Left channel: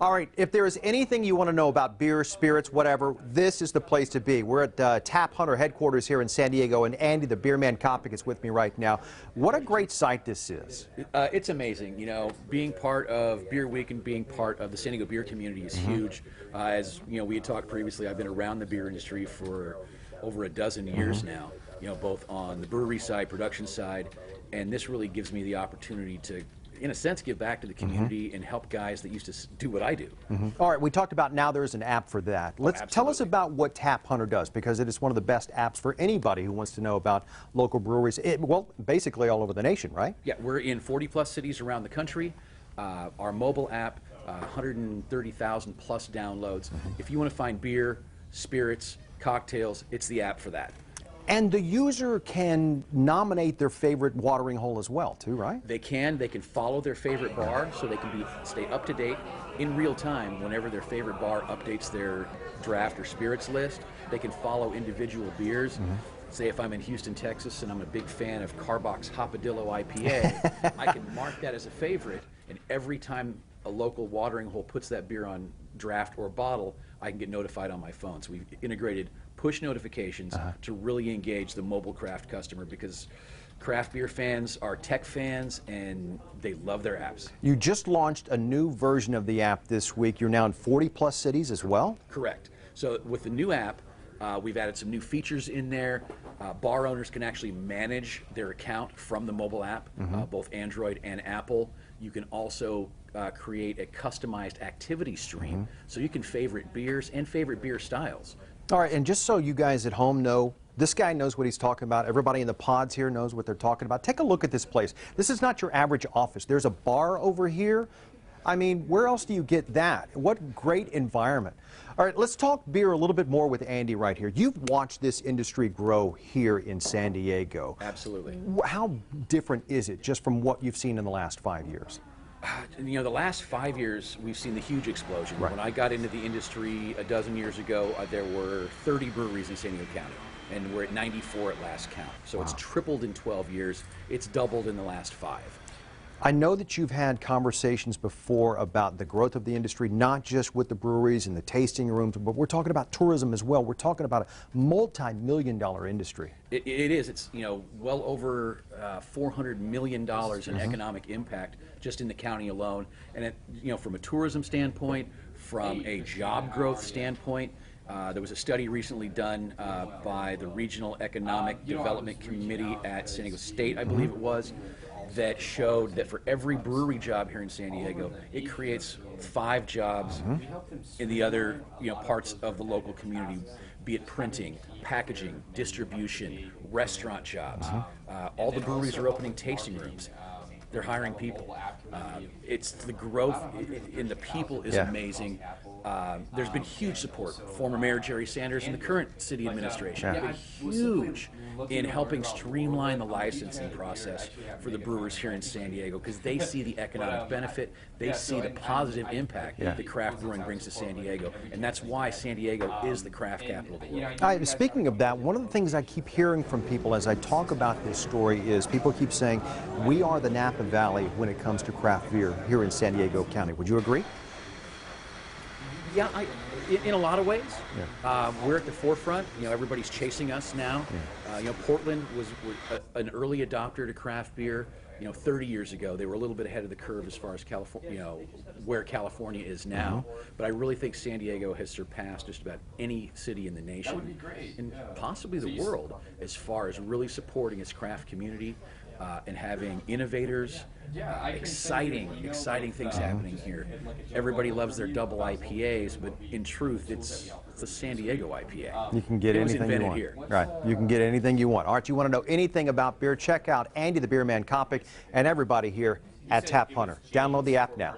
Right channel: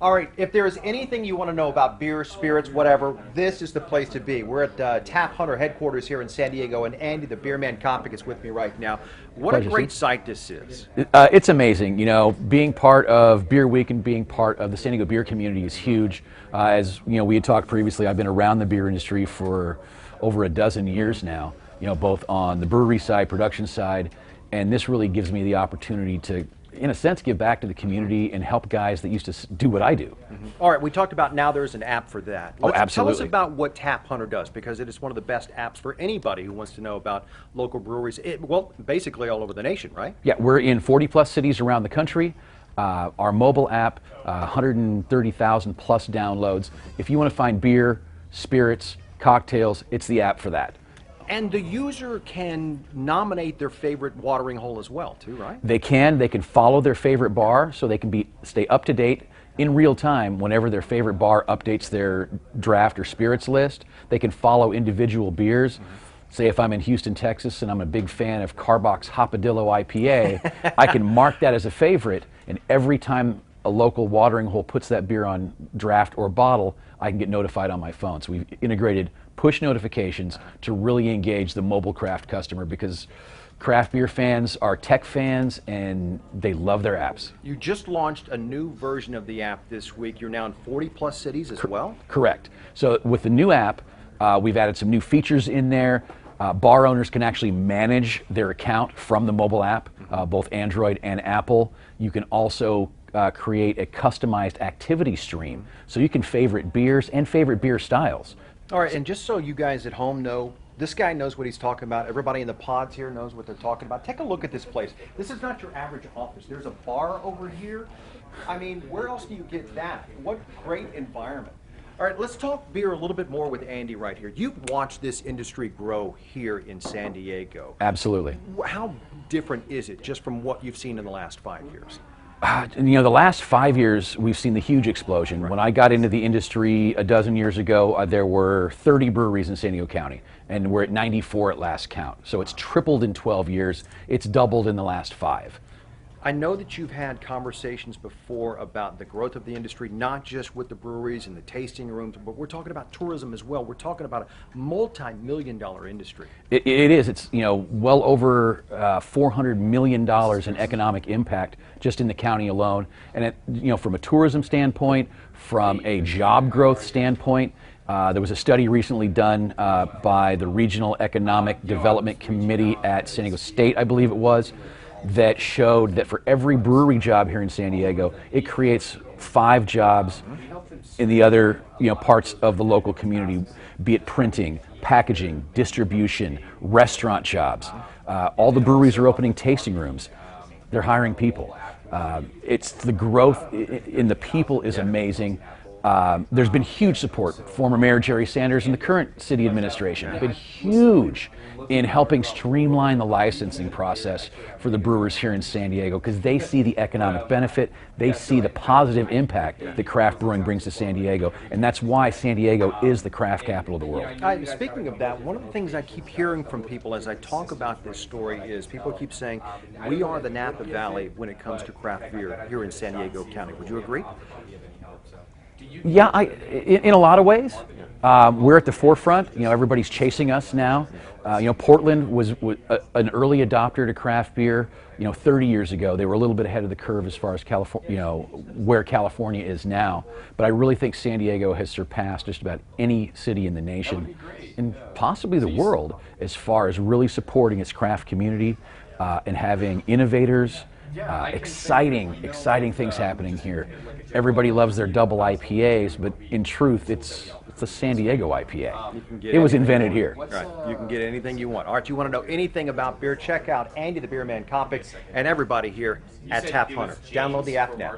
All right, if there is anything you want to know about beer, spirits, whatever, this is the place to be. We're at Tap Hunter headquarters here in San Diego, and Andy, the Beer Man Kopic, is with me right now. What Pleasure, a great Steve. site this is. It's amazing. You know, being part of Beer Week and being part of the San Diego beer community is huge. As you know, we had talked previously, I've been around the beer industry for over a dozen years now, you know, both on the brewery side, production side, and this really gives me the opportunity to, in a sense, give back to the community and help guys that used to do what I do. All right, we talked about now there's an app for that. Tell us Absolutely. about what Tap Hunter does, because it is one of the best apps for anybody who wants to know about local breweries, well, basically all over the nation, right? Yeah, we're in 40-plus cities around the country. Our mobile app, 130,000 plus downloads. If you want to find beer, spirits, cocktails, it's the app for that. And the user can nominate their favorite watering hole as well, too, right? They can follow their favorite bar, so they can stay up to date in real time whenever their favorite bar updates their draft or spirits list. They can follow individual beers. Say if I'm in Houston, Texas, and I'm a big fan of Carbox Hopadillo IPA, I can mark that as a favorite, and every time a local watering hole puts that beer on draft or bottle, I can get notified on my phone. So we've integrated push notifications to really engage the mobile craft customer, because craft beer fans are tech fans and they love their apps. You just launched a new version of the app this week. You're now in 40-plus cities as well? Correct. So with the new app, we've added some new features in there. Bar owners can actually manage their account from the mobile app, both Android and Apple. You can also create a customized activity stream, so you can favorite beers and favorite beer styles. All right, and just so you guys at home know, this guy knows what he's talking about. Everybody in the pods here knows what they're talking about. Take a look at this place. This is not your average office. There's a bar over here. I mean, where else do you get that? What great environment. All right, let's talk beer a little bit more with Andy right here. You've watched this industry grow here in San Diego. Absolutely. How different is it just from what you've seen in the last 5 years? You know, the last 5 years, we've seen the huge explosion. When I got into the industry a dozen years ago, there were 30 breweries in San Diego County, and we're at 94 at last count. So it's tripled in 12 years. It's doubled in the last 5. I know that you've had conversations before about the growth of the industry, not just with the breweries and the tasting rooms, but we're talking about tourism as well. We're talking about a multi-million-dollar industry. It is. It's, you know, well over $400 million in economic impact just in the county alone. And it, you know, from a tourism standpoint, from a job growth standpoint, there was a study recently done by the Regional Economic Development Committee at San Diego State, I believe it was, that showed that for every brewery job here in San Diego, it creates 5 jobs in the other, you know, parts of the local community, be it printing, packaging, distribution, restaurant jobs. All the breweries are opening tasting rooms. They're hiring people. It's the growth in the people is amazing. There's been huge support. Former Mayor Jerry Sanders and the current city administration have been huge in helping streamline the licensing process for the brewers here in San Diego, because they see the economic benefit, they see the positive impact that craft brewing brings to San Diego, and that's why San Diego is the craft capital of the world. Speaking of that, one of the things I keep hearing from people as I talk about this story is people keep saying, we are the Napa Valley when it comes to craft beer here in San Diego County. Would you agree? Yeah, in a lot of ways, we're at the forefront. You know, everybody's chasing us now. You know, Portland was an early adopter to craft beer. You know, 30 years ago, they were a little bit ahead of the curve as far as California, you know, where California is now. But I really think San Diego has surpassed just about any city in the nation, and possibly the world, as far as really supporting its craft community and having innovators. Exciting things happening here. Everybody loves their double IPAs, but in truth, it's the San Diego IPA. You can get it was invented here. Right. You can get anything you want. All right, you want to know anything about beer, check out Andy the Beer Man Kopic and everybody here at Tap Hunter. Download the app now.